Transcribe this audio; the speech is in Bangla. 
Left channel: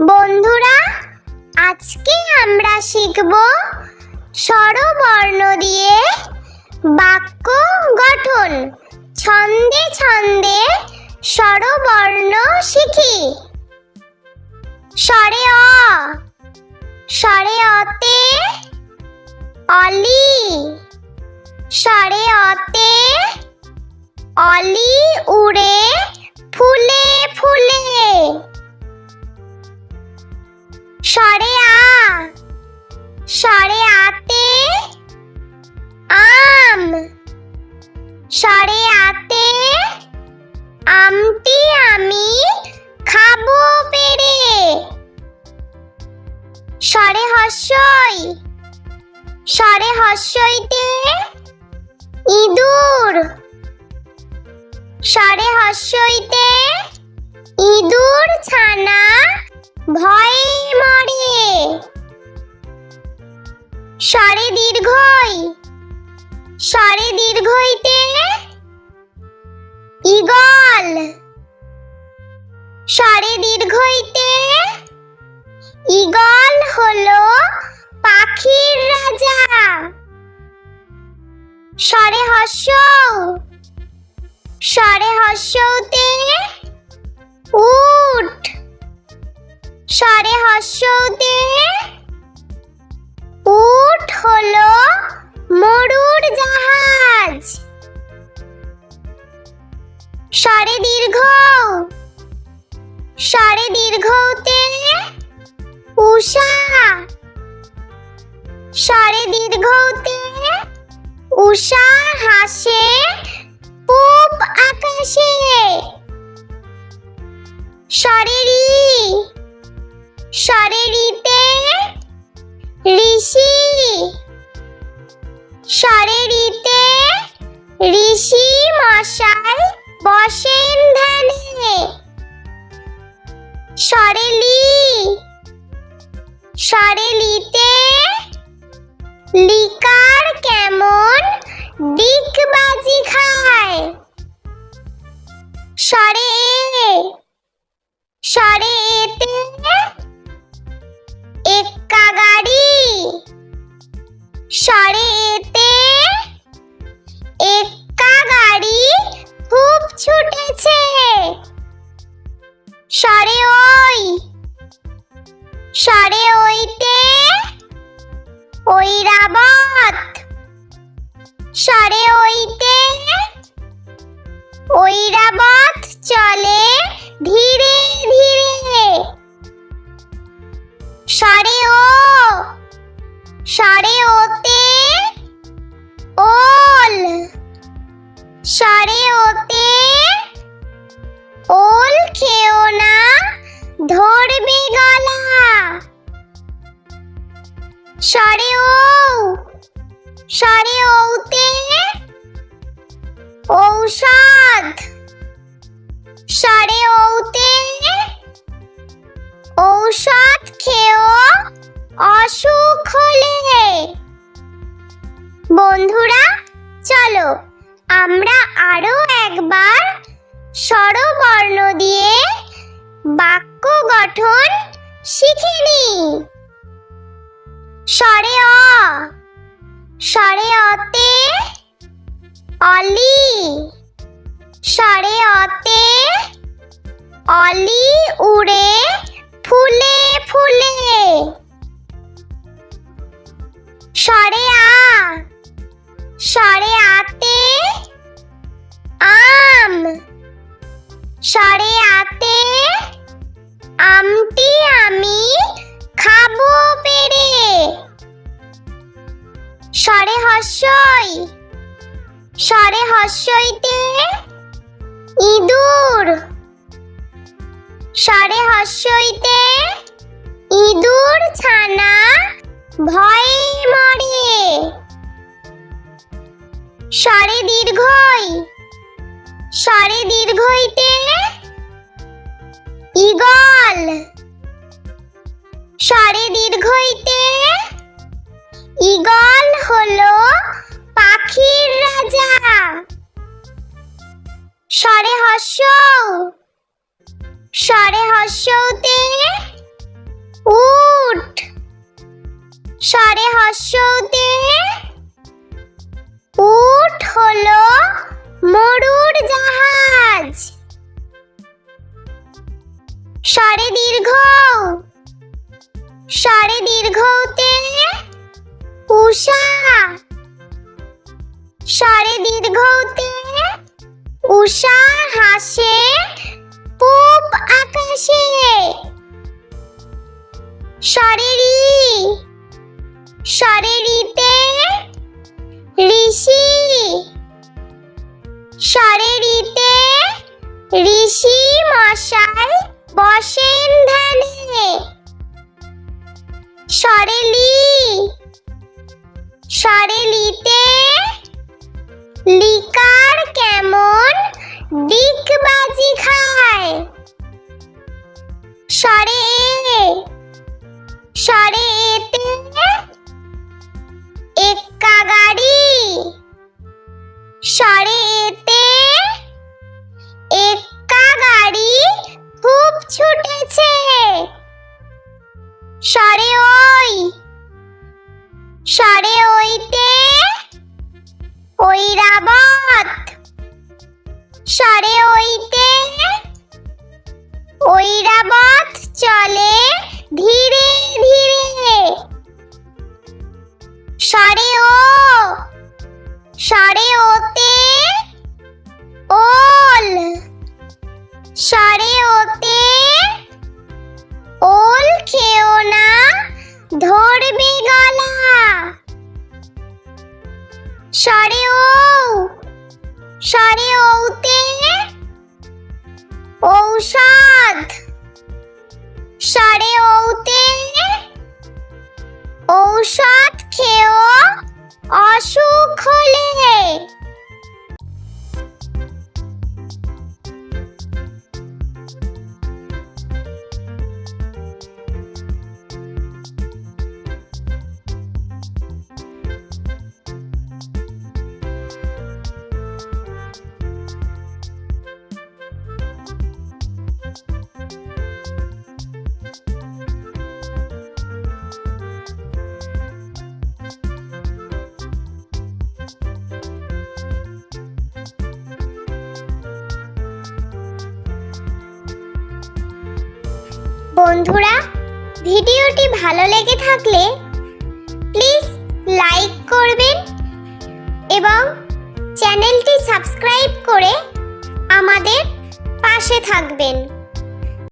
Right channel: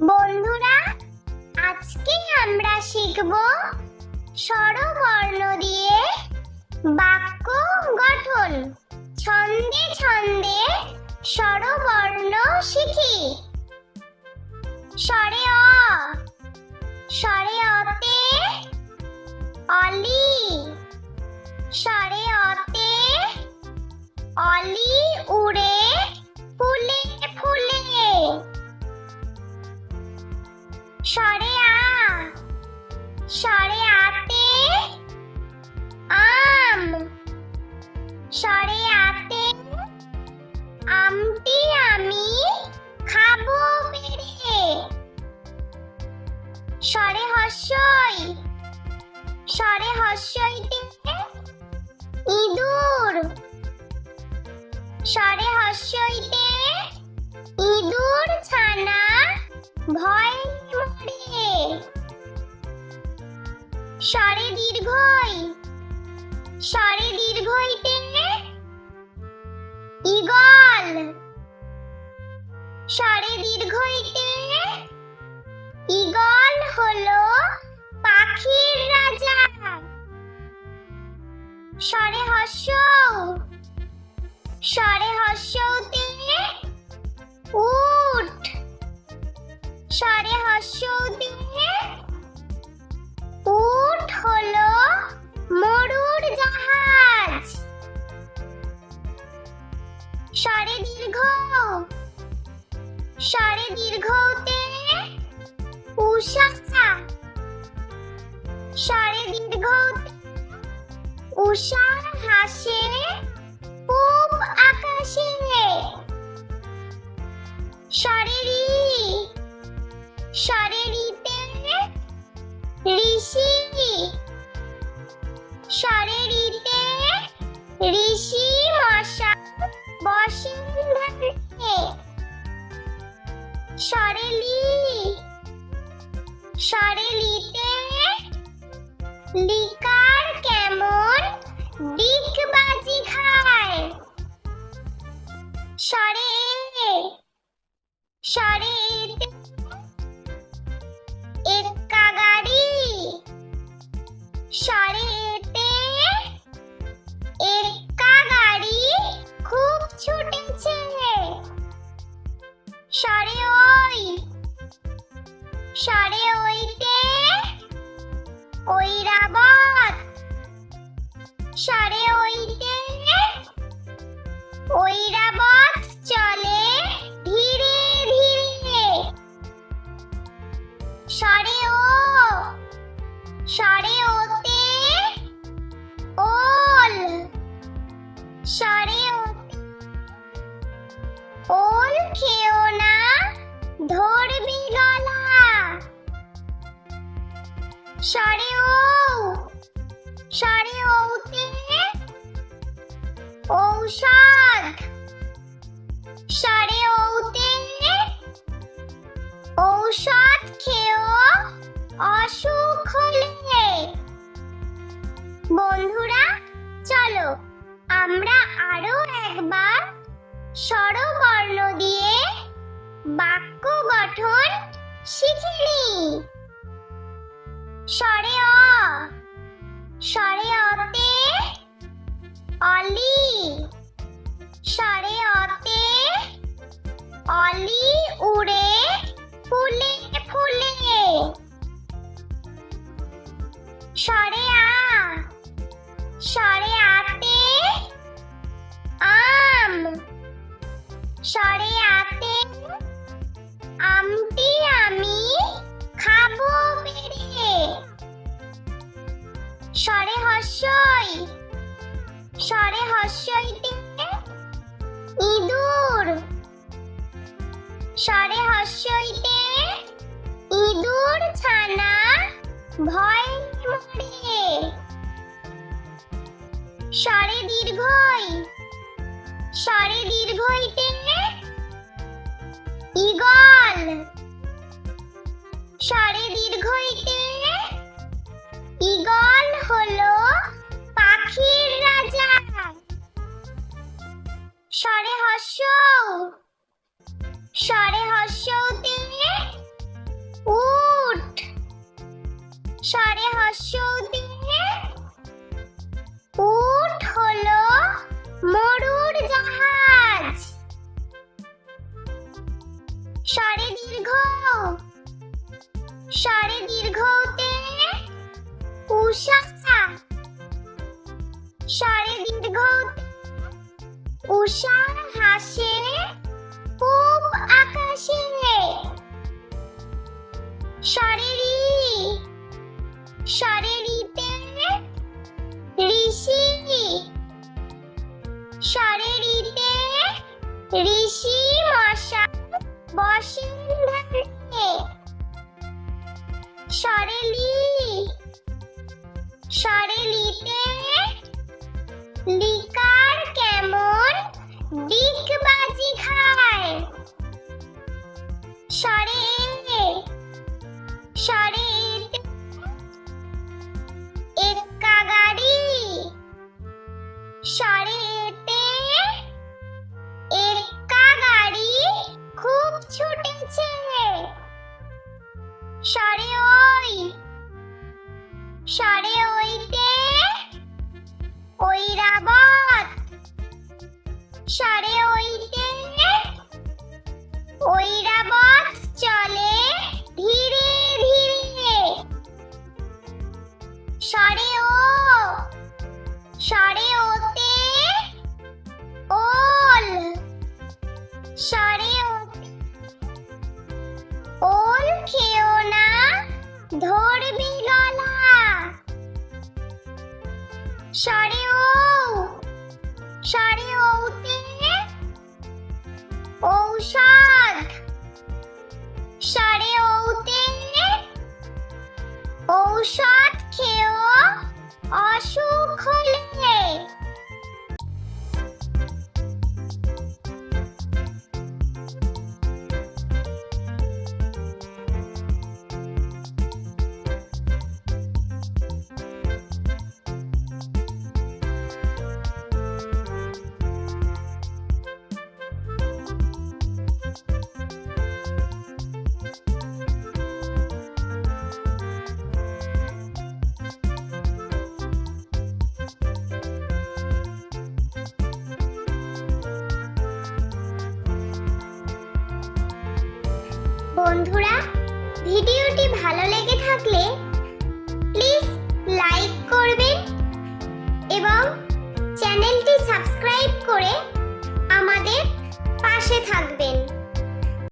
বন্ধুরা, আজকে আমরা শিখব স্বরবর্ণ দিয়ে বাক্য গঠন। ছন্দে ছন্দে স্বরবর্ণ শিখি। স্বরে অ, স্বরে অতে অলি, স্বরে অতে অলি উড়ে ফুলে ফুলে। স্বরে আ, স্বরে আতে আম, স্বরে আতে আমটি আমি খাবো পেড়ে। স্বরে হস্যই, স্বরে হস্যইতে ইঁদুর, স্বরে হস্যইতে ইঁদুর ছানা ভয়ে মরে। স্বরে দীর্ঘই, স্বরে দীর্ঘইতে ঈগল, স্বরে দীর্ঘইতে ঈগল হলো পাখির রাজা। স্বরে হস্য, স্বরে হস্যতে উট, স্বরে হস্যতে উট হলো মরুর জাহাজ। স্বরে দীর্ঘ, স্বরে দীর্ঘতে উষা, স্বরে দীর্ঘতে উষা হাসে পূব আকাশে। স্বরে রি, স্বরে রিতে ঋষি, স্বরে রিতে ঋষি মশাই বসেন ধ্যানে। স্বরে লি, স্বরে লিতে লিকার কেমন ডিগবাজি খায়। স্বরে এ, স্বরে এতে এক্কা গাড়ি, স্বরে এতে এক্কা গাড়ি খুব ছুটেছে। স্বরে ওই, স্বরে ওইতে ঐরাবত, স্বরে ওইতে ঐরাবত চলে ধীরে ধীরে। স্বরে ও, স্বরে ওতে ওল, স্বরে ওতে ওল খেও না ধরবে গলা। স্বরে ও, স্বরে ওতে ঔষধ, স্বরে ওতে ঔষধ খেও অসুখ হলে। বন্ধুরা, চলো আমরা আরো একবার স্বরবর্ণ দিয়ে বাক্য গঠন শিখে নিই। স্বরে অ, স্বরে অতে অলি, স্বরে অতে অলি উড়ে ফুলে ফুলে। স্বরে আ, স্বরে আতে আম, স্বরে আতে আমটি আমি খাবো পেড়ে। স্বরে হস্যই, স্বরে হস্যইতে ইঁদুর, স্বরে হস্যইতে ইঁদুর ছানা ভয়ে মরে। স্বরে দীর্ঘই, স্বরে দীর্ঘইতে ঈগল, স্বরে দীর্ঘইতে ঈগল হলো পাখির রাজা। স্বরে হস্য, স্বরে হস্যতে উট স্বরে হস্যতে উট হলো মরুর জাহাজ। স্বরে দীর্ঘ স্বরে দীর্ঘতে উষা স্বরে দীর্ঘতে উষা হাসে পূব আকাশে। স্বরে রি স্বরে রিতে ঋষি স্বরে রিতে ঋষি মশাই বসেন ধ্যানে। স্বরে লি স্বরে লিতে লিকার কেমন ডিগবাজি খায়। স্বরে এ স্বরে এতে এক্কা গাড়ি স্বরে এতে এক্কা গাড়ি খুব ছুটেছে। স্বরে ওই স্বরে ওইতে ঐরাবত স্বরে ওইতে ঐরাবত চলে ধীরে ধীরে। স্বরে ও স্বরে ওতে ওল স্বরে ওতে ওল খেও না ধরবে গলা। স্বরে ও স্বরে ওতে ঔষধ স্বরে ওতে ঔষধ খেও অসুখ হলে। বন্ধুরা, ভিডিওটি ভালো লেগে থাকলে প্লিজ লাইক করবেন এবং চ্যানেলটি সাবস্ক্রাইব করে আমাদের পাশে থাকবেন।